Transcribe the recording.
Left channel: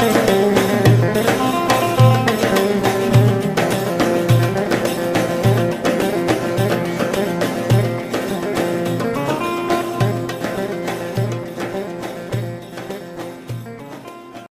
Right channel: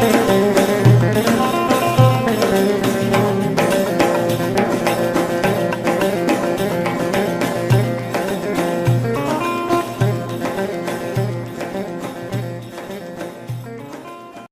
Thank you.